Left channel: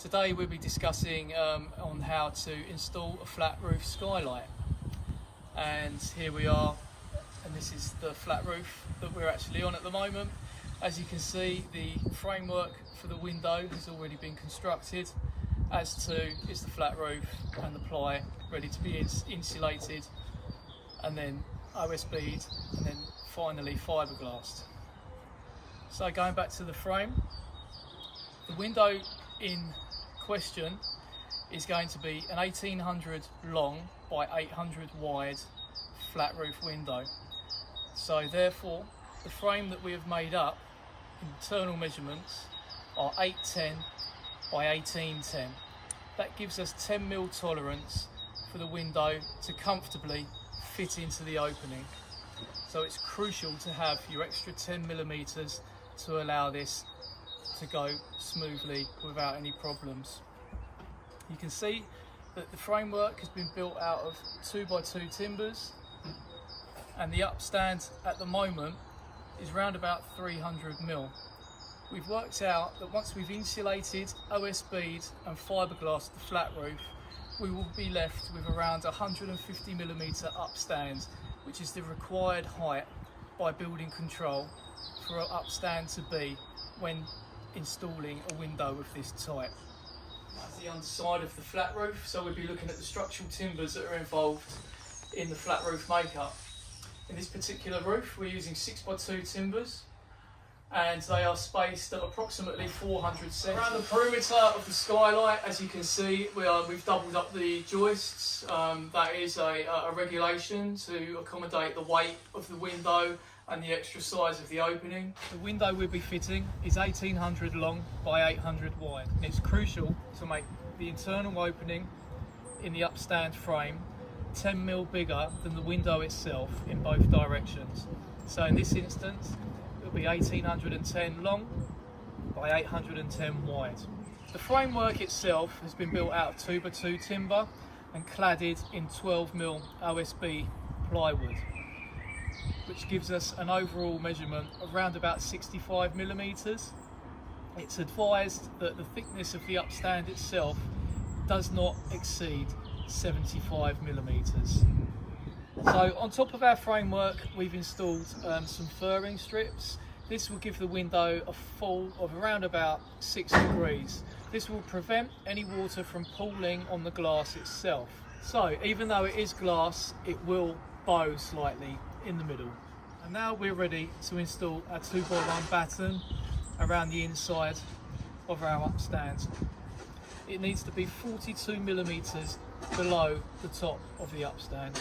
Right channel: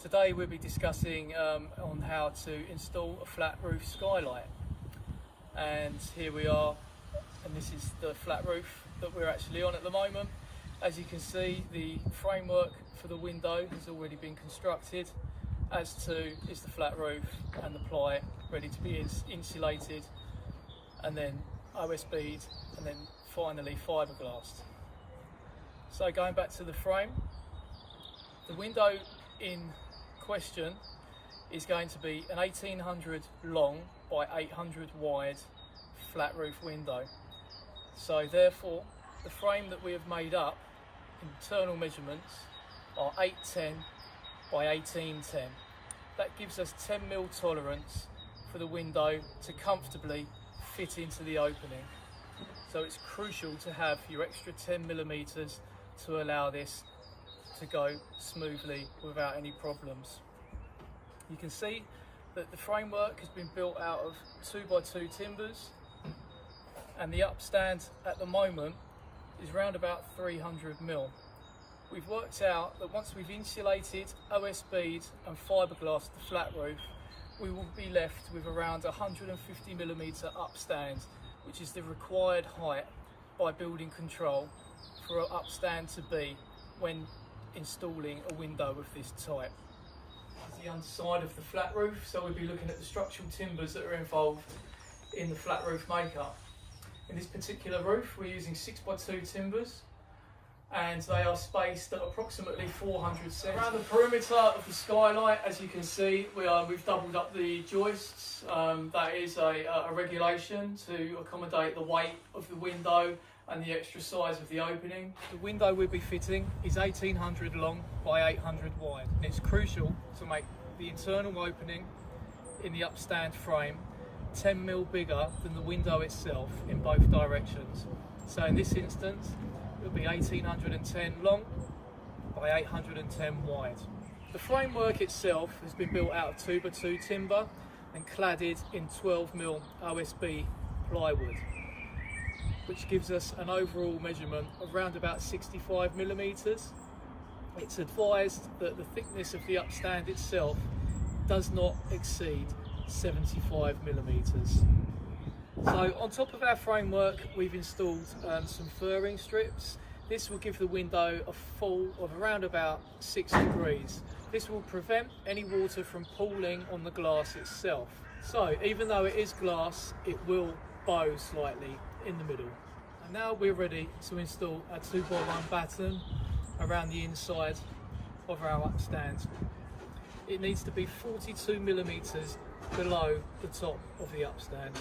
Today we'll be discussing on how to install a flat roof skylight, and here we are, and this is the flat roof that we're actually on at the moment. As you can see, the framework for the window has already been constructed, as too is the flat roof and the ply ready to be insulated, and then OSB'd, and then finally fiberglassed. So going back to the frame, the window in question is going to be an 1800 long by 800 wide flat roof window. So therefore the frame that we have made up, internal measurements, are 810 by 1810. That gives us 10mm tolerance for the window to comfortably fit into the opening. So it's crucial to have your extra 10mm to allow this to go smoothly without any problems. You can see that the framework has been built out of 2x2 timbers, and the upstand at the moment is round about 300mm. We've worked out that once we've insulated, OSB'd and fiberglassed the flat roof, we will be left with around 150mm upstand, which is the required height by building control for an upstand to be when installing a window of this type. This is the underside of the flat roof, so we'll be looking at the structural timbers that are involved in the flat roof makeup. In this particular roof we're using 6x2 timbers, and they are spaced at approximately 400 cm. Around the perimeter of the skylight, as you can see, we've doubled up the joists. That is a regulation to accommodate the weight of the window and the extra size of the opening. The window we'll be fitting is 1800 long by 800 wide, and it's crucial to make the internal opening in the upstand frame 10mm bigger than the window itself in both directions. So in this instance it'll be 1810 long by 810 wide. The framework itself has been built out of 2x2 timber and cladded in 12mm OSB plywood, which gives us an overall measurement of around about 65mm. It's advised that the thickness of the upstand itself does not exceed 75mm. So on top of our framework we've installed some furring strips. This will give the window a fall of around about 6 degrees. This will prevent any water from pooling on the glass itself. So even though it is glass, it will bow slightly in the middle. And now we're ready to install our 2x1 batten around the inside of our upstand. It needs to be 42mm below the top of the upstand.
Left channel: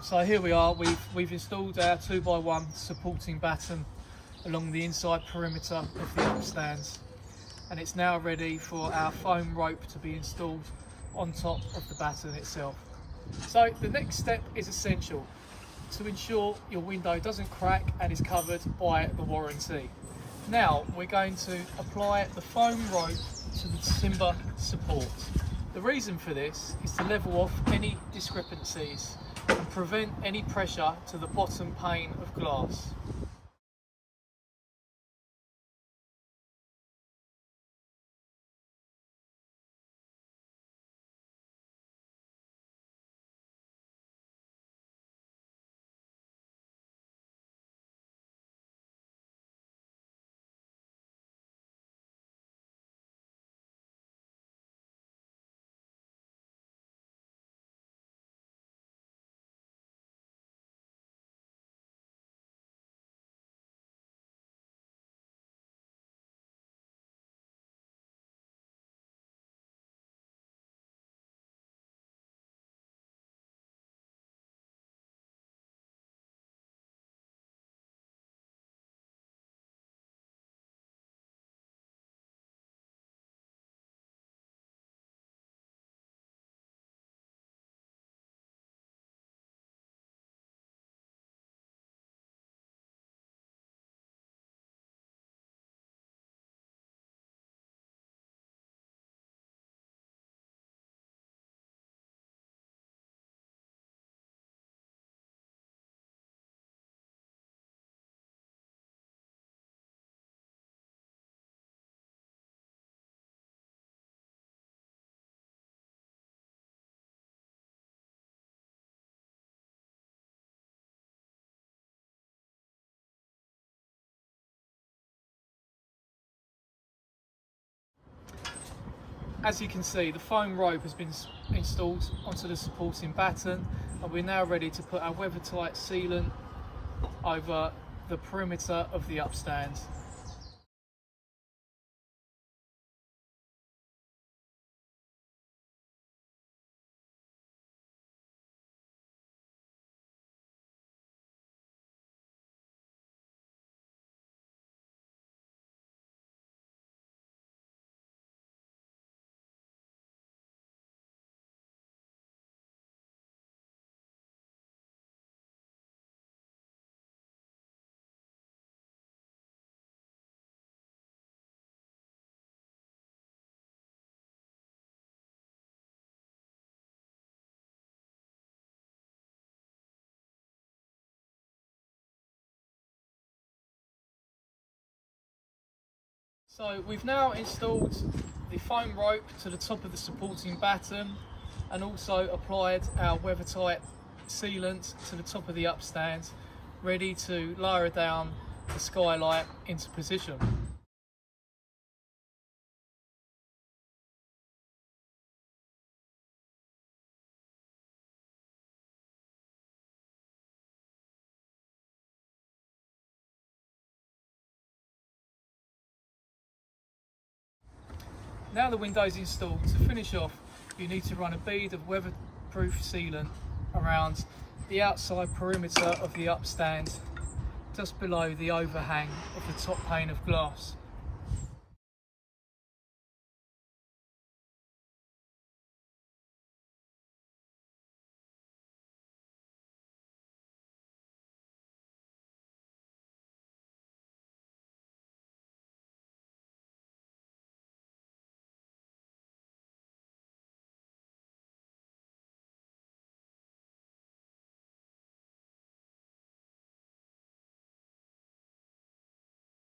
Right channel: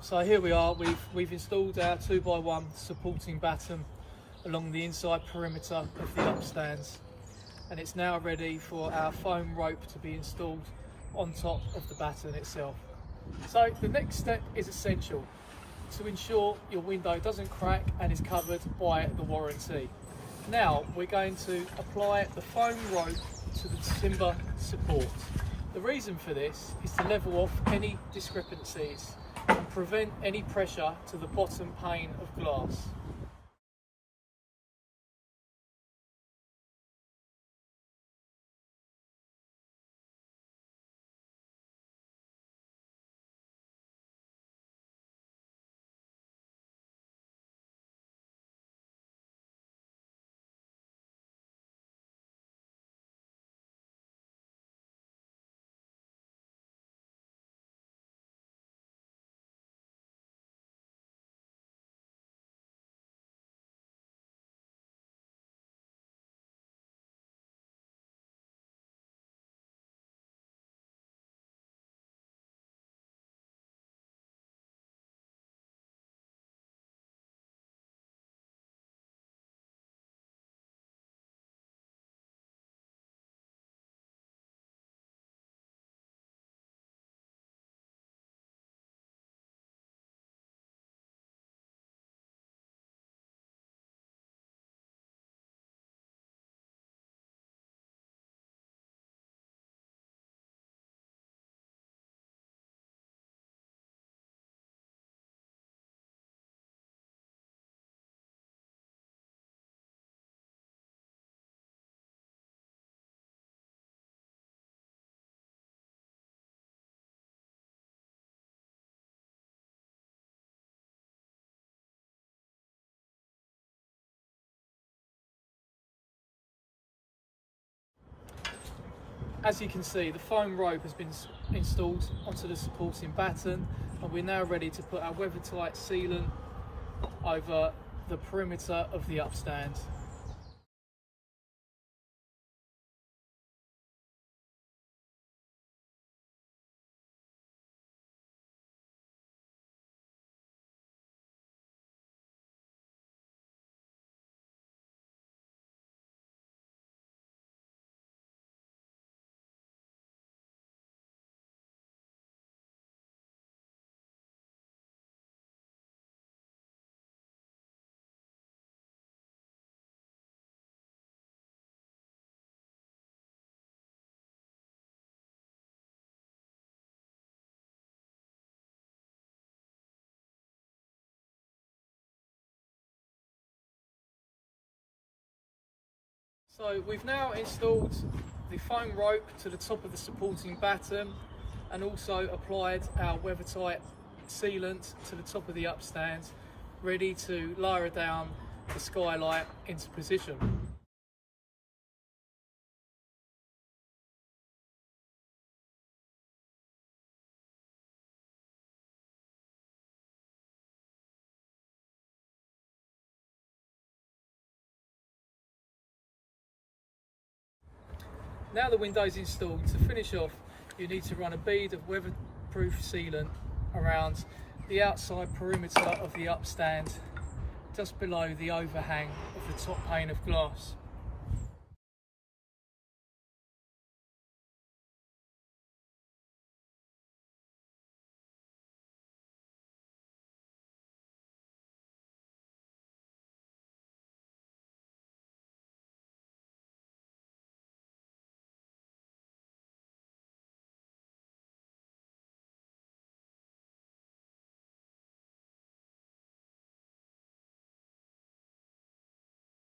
So here we are. We've installed our 2x1 supporting batten along the inside perimeter of the upstands, and it's now ready for our foam rope to be installed on top of the batten itself. So the next step is essential to ensure your window doesn't crack and is covered by the warranty. Now we're going to apply the foam rope to the timber support. The reason for this is to level off any discrepancies and prevent any pressure to the bottom pane of glass. As you can see, the foam rope has been installed onto the supporting batten, and we're now ready to put our weather-tight sealant over the perimeter of the upstand. So we've now installed the foam rope to the top of the supporting batten and also applied our weather-tight sealant to the top of the upstand, ready to lower down the skylight into position. Now the window's installed, to finish off you need to run a bead of weatherproof sealant around the outside perimeter of the upstand, just below the overhang of the top pane of glass.